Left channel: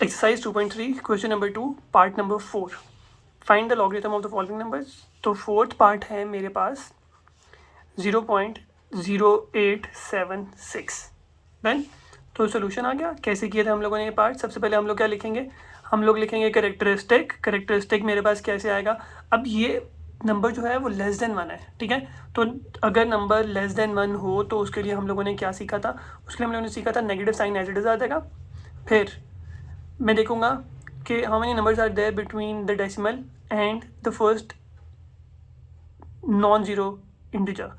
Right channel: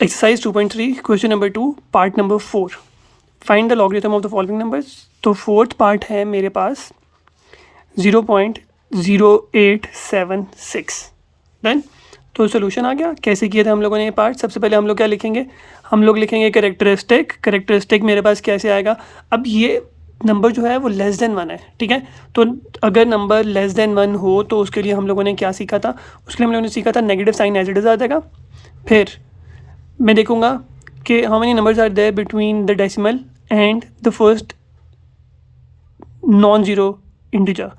Exercise 2.3 question number 2 part number 4 find the logarithm of the following numbers. तो fourth part है मेरे पास 0.0876। Then तो solution आ गया। कैसे किया था हम लोगों ने ये पार्ट? सबसे पहले हम लोग क्या लिखेंगे? हम लोग लिखेंगे करेक्टरिस्टिक मेरे पास कैसे आएगा? अब ये नंबर जो है वो लेस देन 1 है, ठीक है। तो अगर नंबर लेस देन 1 हो तो उसके लिए हम लोगों ने क्या सीखा था? उसके लिए हम लोगों ने सीखा था negative sign as it is आ जाएगा। फिर मैं देखूंगा कि how many numbers are there between the decimal and the first non zero integer.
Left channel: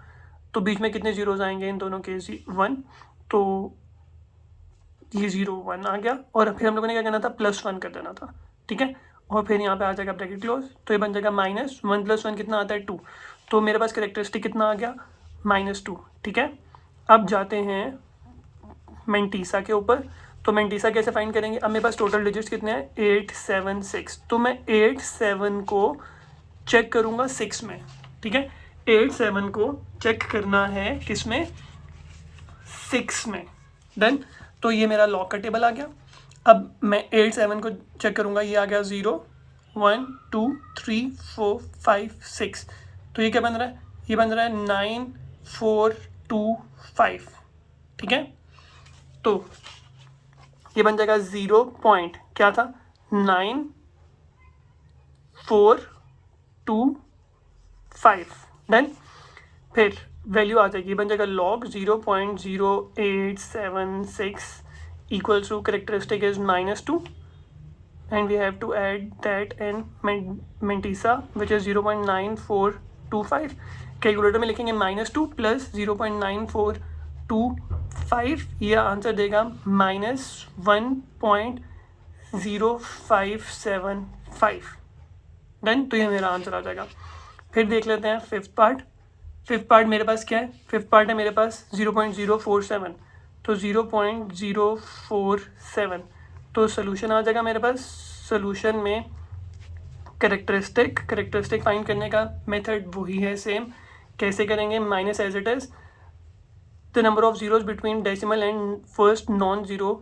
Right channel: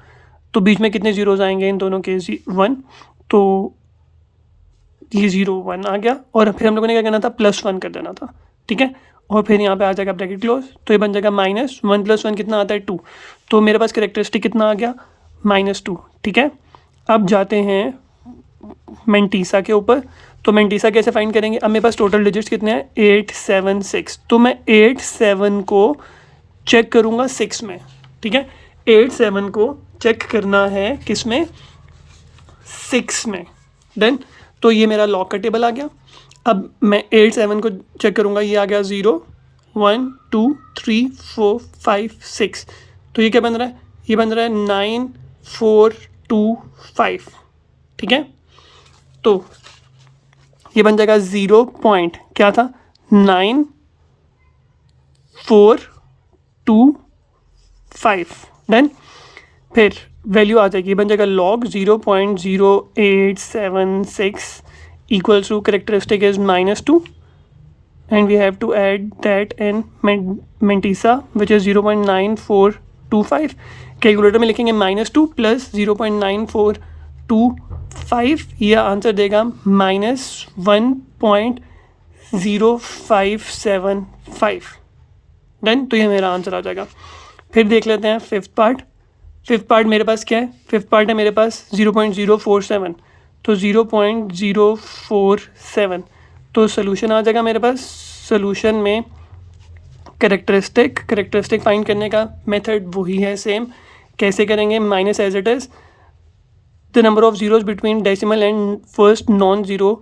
तो बीच में कितने ज़ीरोज़ आएंगे इन दोनों के? 1। तो ये 0 1 आ गया और फिर हम लोगों ने क्या करना था? +1 कर देना था, ठीक है। और फिर यहाँ पे आ जाएगा ब्रैकेट क्लोज, तो ये बन जाएगा -1 + 1 कितना आता है? 2। तो मेरे पास करेक्टरिस्टिक कितना आ गया? -2, ठीक है। अब जाते हैं मेंटीसा के ऊपर। तो मेंटीसा कैसे फाइंड करेंगे? अब मेरे पास टोटल डिजिट्स कितने हैं? 876। तो मैं 87 को चेक करूँगा 6 में, ठीक है। 87 को चेक करना है किस में? 6 में। डन। तो ये मेरा लॉग का टेबल आ गया। अब मैं 87 को चेक करूँगा, ये आ गया 0 1 2 3 4 5 6। तो ये क्या बन रहा है? ये बन रहा है 9 4 2 5, ठीक है। तो ये बन जाएगा 0 पॉइंट क्या था? 9 4 2 5। डन। फिर वैल्यू आ जाएगी, बन जाएगा log 0.0876 equals to characteristic is -2 and we have to add that in mantissa which is 0.9425। Calculator में लिखेंगे -2 + 0.9425, यह आंसर देगा -1.0575। डन। तो ये मेरा आंसर आ जाएगा। फिर देख लेते हैं फिफ्थ पार्ट। फिफ्थ पार्ट मेरे पास क्या है? फिफ्थ पार्ट है मेरे पास 0.047। तो 0.047 तो सोल्यूशन आ जाएगा मेरे पास। सोल्यूशन में करेक्टरिस्टिक फाइंड करने का मेथड वही है सेम। कैसे करेंगे? Minus as it is the number of zeros between decimal and first non zero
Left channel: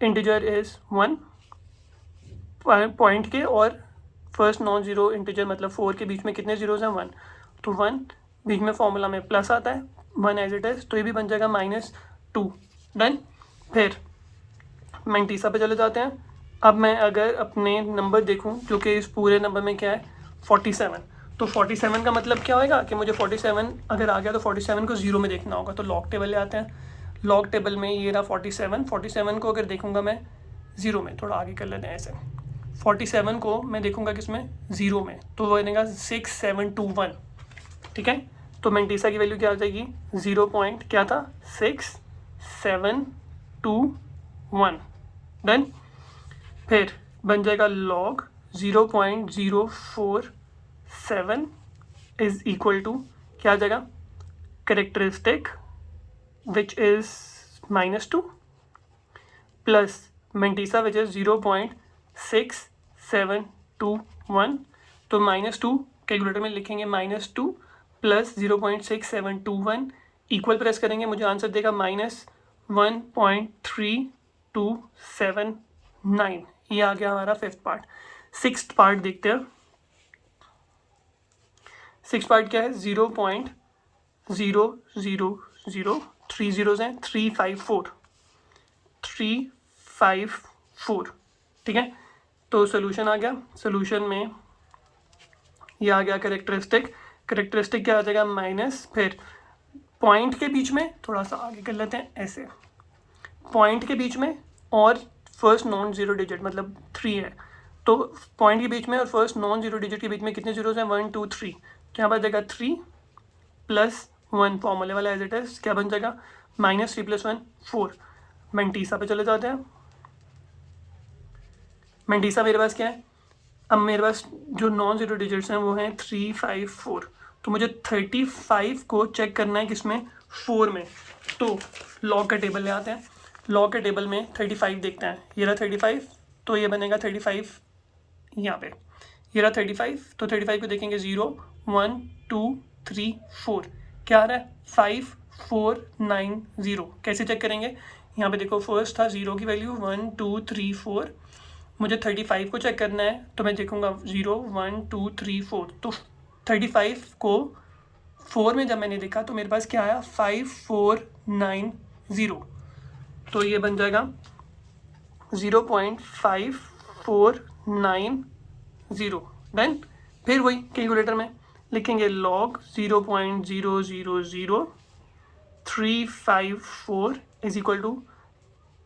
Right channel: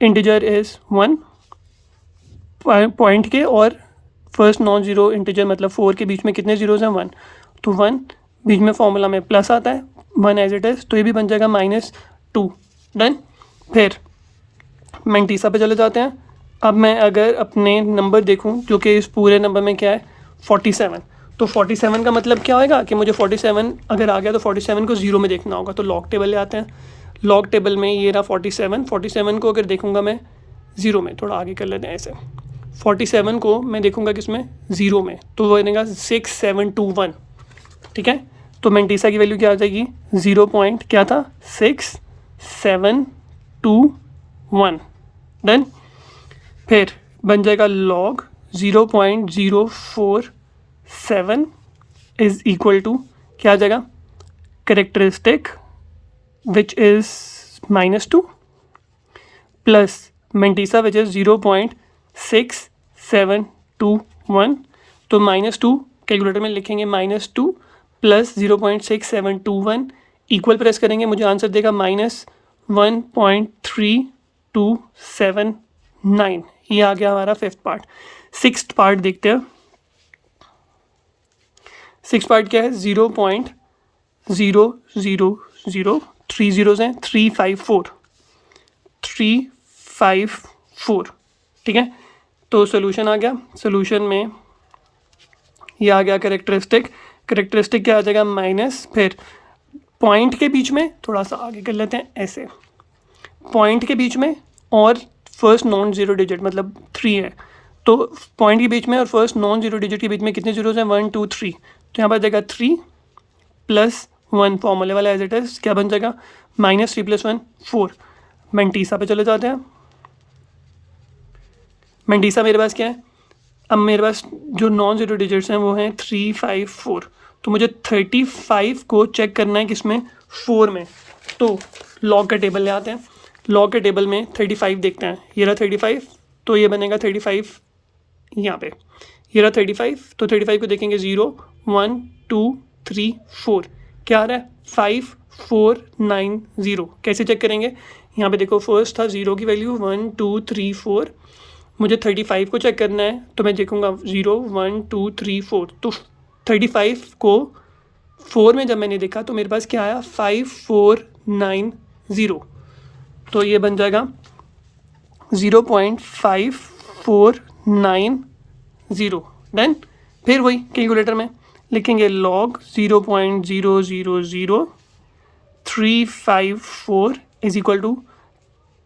integer is 1 point के, और फर्स्ट नॉन ज़ीरो इंटीजर मतलब 4 के बीच में कितने ज़ीरोज़ हैं? 1। तो 1 बीच में फॉर्मूला में प्लस आता है, 1 एज इट इज़, तो ये भी बन जाएगा -2। डन। फिर मेंटीसा पे चले जाते हैं। अब मैं अगर अपने नंबर देखूं जो कि इस पूरे नंबर में क्या है? 47। तो 47 का मतलब क्या होगा कि मुझे 47 अगर आ गया तो 47 को 0 में देखना होगा। तो लॉग टेबल ले आते हैं। लॉग टेबल में ये रहा 47 को अगर देखूंगा मैं 0 में, थोड़ा आगे कर लेते हैं ऐसे। 47 को मैं देखूंगा किसमें? 0 में, तो वो बनेगा 6721, ठीक है। तो मेंटीसा की वैल्यू क्या आ जाएगी? 0 पॉइंट क्या था? 6721। डन। फिर बन जाएगा लॉग 0.047 इज इक्वल टू क्या आ जाएगा? Characteristic which is -2 plus mantissa which is 0.6721। तो -2 कैलकुलेटर में लिखेंगे -2 प्लस 0.6721 इक्वल प्रेस करेंगे, मुझे आंसर देगा -1.3279। ये आ गया हमारा फिफ्थ पार्ट। सिक्स्थ पार्ट देखते हैं। सिक्स पार्ट क्या है? 0.000 3 ज़ीरोज़ हैं, 354, ठीक है। तो सोल्यूशन आ गया। सोल्यूशन में ये आ गया करेक्टरिस्टिक क्या आ जाएगा? माइनस, फिर पॉइंट के बीच में थोड़ा सा आगे कर लेते हैं ऐसे, पॉइंट के बीच में और फर्स्ट नॉन ज़ीरो डिजिट मतलब 3 है। तो पॉइंट के बीच में और फर्स्ट नॉन ज़ीरो डिजिट के बीच में कितने ज़ीरोज़ हैं? 1 2 3। तो यहाँ पर जाएगा 3 + 1 फॉर्मूले वाला एज इट इज़, क्या बन जाएगा? -3 + 1 4। मेंटीसा पे चले जाते हैं। मेंटीसा मेरे पास क्या है? अब मेरे पास जो नॉन ज़ीरो डिजिट्स हैं वो हैं 3 5 4। तो मुझे 35 को चेक करना है किसमें? 4 में। तो लॉग का टेबल ले आते हैं। लॉग के टेबल में 35 देखते हैं। ये रहा 35, तो ये बनेगा 35 यहाँ पे। ये रहा 35, तो 35 को देखेंगे 0 1 2 3 4, क्या आ रहा है? 5490। कैसे चेक करेंगे? यहाँ पे देखो फर्स्ट था 0 की वैल्यू 1 2 3 4, मुझे 35 को चेक करना है तो मैं देखूँगा 0 1 2 3 4, तो 35 को 4 में जब मैंने देखा तो मेरे पास क्या आया 5490, तो ये बन जाएगा 0.5490। डन। फिर वही कैलकुलेटर में लिखेंगे log 0.000354 is equal to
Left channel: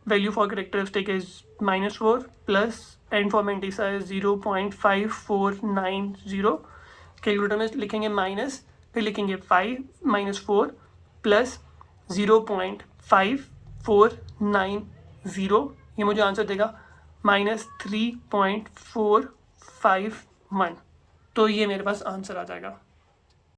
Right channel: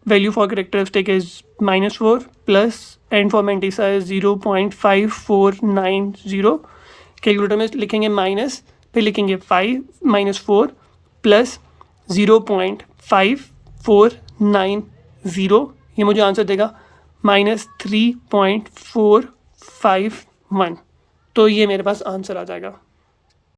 value for characteristic is -4 plus and for Mantissa is 0.5490। Calculator में लिखेंगे माइनस, फिर लिखेंगे 5 -4 प्लस 0.5490, ये मुझे आंसर देगा -3.451, तो ये मेरे पास आंसर आ जाएगा।